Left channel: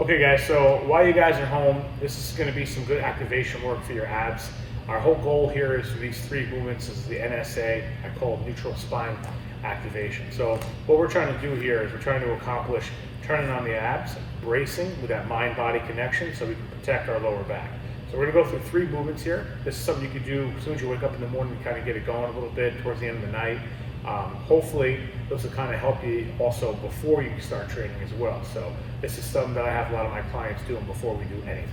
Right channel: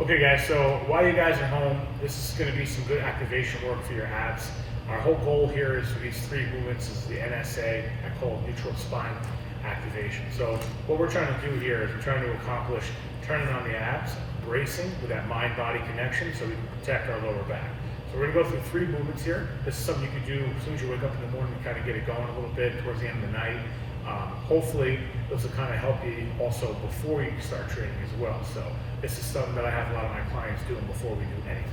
Okay guys, so while you guys are home, this is going to be some good activation work for your abs. Our whole goal here is for these three movements is the NSA, I call it neutral spine activation. So what we're trying to do here is we're trying to accomplish turning on the abs, bracing with that mind-body connection so we can protect our lower back. So we're going to go through three movements here. This is something you can do as soon as you wake up in the morning to kind of get it going a little bit towards the end of the night. Hopefully this will kind of help you also before you start training as well. So this is something that I have a lot of my clients doing before we do anything.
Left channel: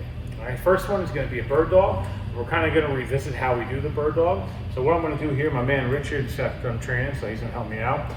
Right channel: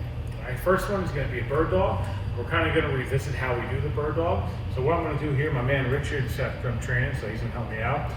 All right, first one is going to be a bird dog. We're kind of going to revisit how we do the bird dog. So what I'm going to do here, my man Richard's done training, so he's going to help me out.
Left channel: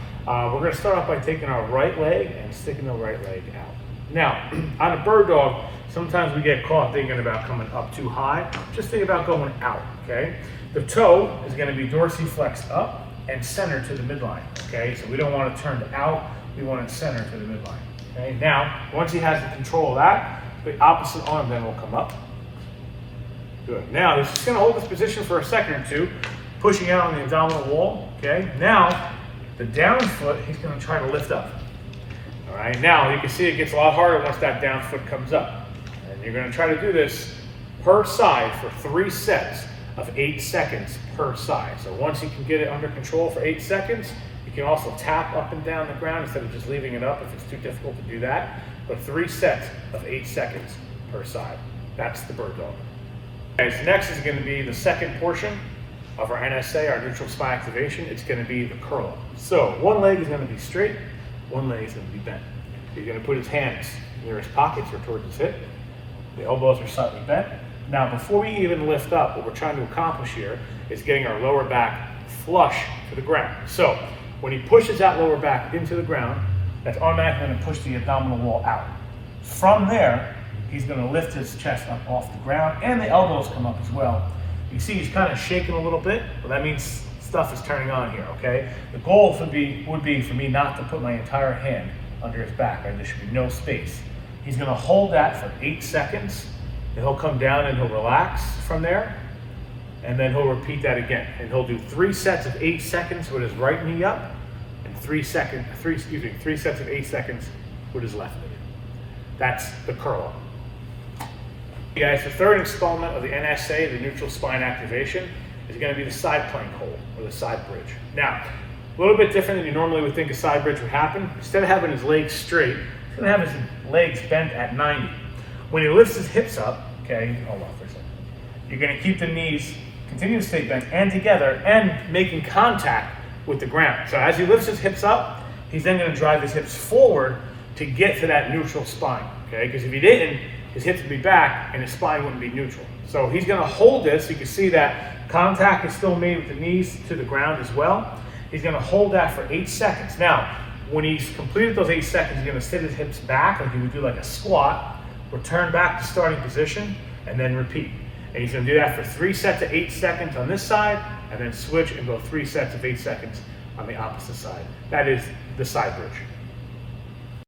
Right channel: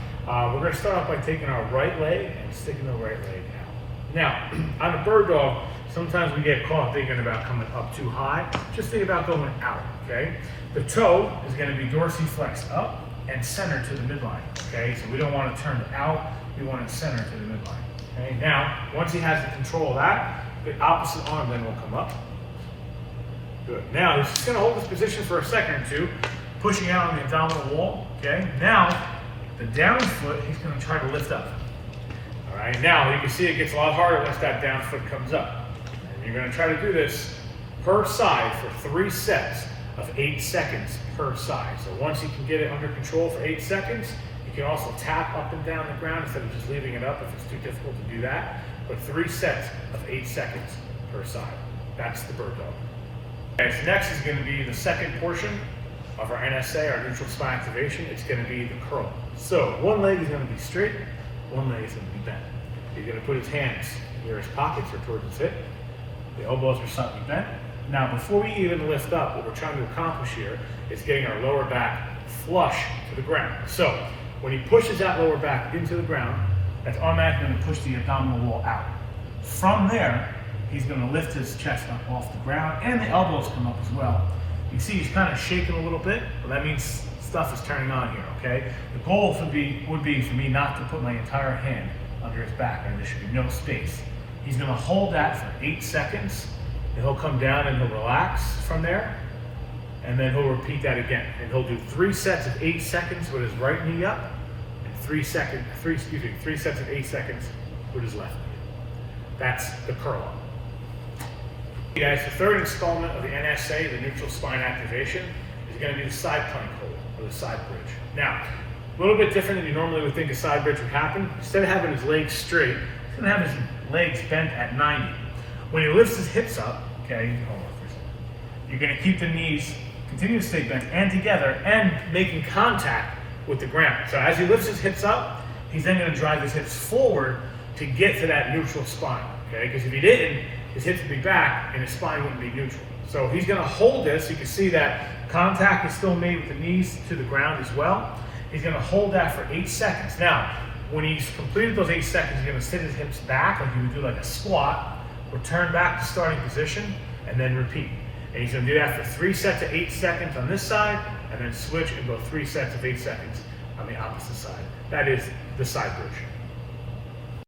We're going to start off by taking our right leg and sticking the right leg out. Now, on a bird dog, sometimes we get caught thinking about coming up too high. Just think about going out, okay? The toe is going to be dorsiflexed up and center to the midline, okay? So we don't want to turn it out, we want it center to the midline, okay? Now, once he has the control of that, the opposite arm then will come up. Good. Now, he's just gonna hold this position for a second or two, pushing out on the abdominal wall, okay? Now, the down foot, he's gonna try to lift up. All right, now you can see it gets a lot harder once that down foot comes up. And you're gonna try to do this per side for 3 sets of 8 seconds per side. So once you can get it under control for 8 seconds, you can also tap up and down the ground instead of just leaving it up if it's too difficult to do that. But 3 sets of 8 seconds per side. That's the bird dog. Okay, so next is going to be the second portion of our NSA, our neutral spine activation. It's going to be the curl. So one leg is going to be straight, one leg is going to be bent. He's going to put his hands near his pockets or towards his hip. The elbows are slightly bent. Now, before we even lift up, what we're trying to accomplish here is getting our lower back flush to the ground. So when he pushes that lower back into the ground, that's automatically going to push the abdominal wall out. From there, he's going to lift his chest up off the ground, and the elbows come up as well. You see he's kind of shaking a little bit, but that means stuff is turning on here, okay? The goal would be for me not to put my entire hand under his back, and there should be no space. He's going to hold that for 8 seconds, and he'll come down and he'll relax from there, and then he'll repeat that again. And he'll do 3 sets of 8 seconds with his right knee up, and 3 sets of 8 seconds with his left knee. That's the curl. Okay, guys, the third installment of the NSA, the neutral spine activation, is going to be the side plank hold, or the side bridge. Now, a little bit different than you normally would think a side bridge would happen. Instead of having his legs straight, he's going to have his legs bent at 90. When he lifts his hips up, okay, hold on for a second. You're going to keep the knees, continue to stay bent and together, and making contact with the ground. So as he lifts his hips up, he's then going to drive his hips forward to get to that neutral spine, okay? Because if he didn't, his hips would be back and his spine wouldn't be neutral. So he's going to hold this. You can see that contact is still made with the knees to the ground as well. He's going to hold that for 8 seconds. Now, when he's completed those 8 seconds, he's going to sit his hips back like he would do like a squat, return back to starting position, and then repeat. And he's going to do that for 3 sets of 8 seconds on this side, and then switch and go 3 sets of 8 seconds on the opposite side. That is the side bridge.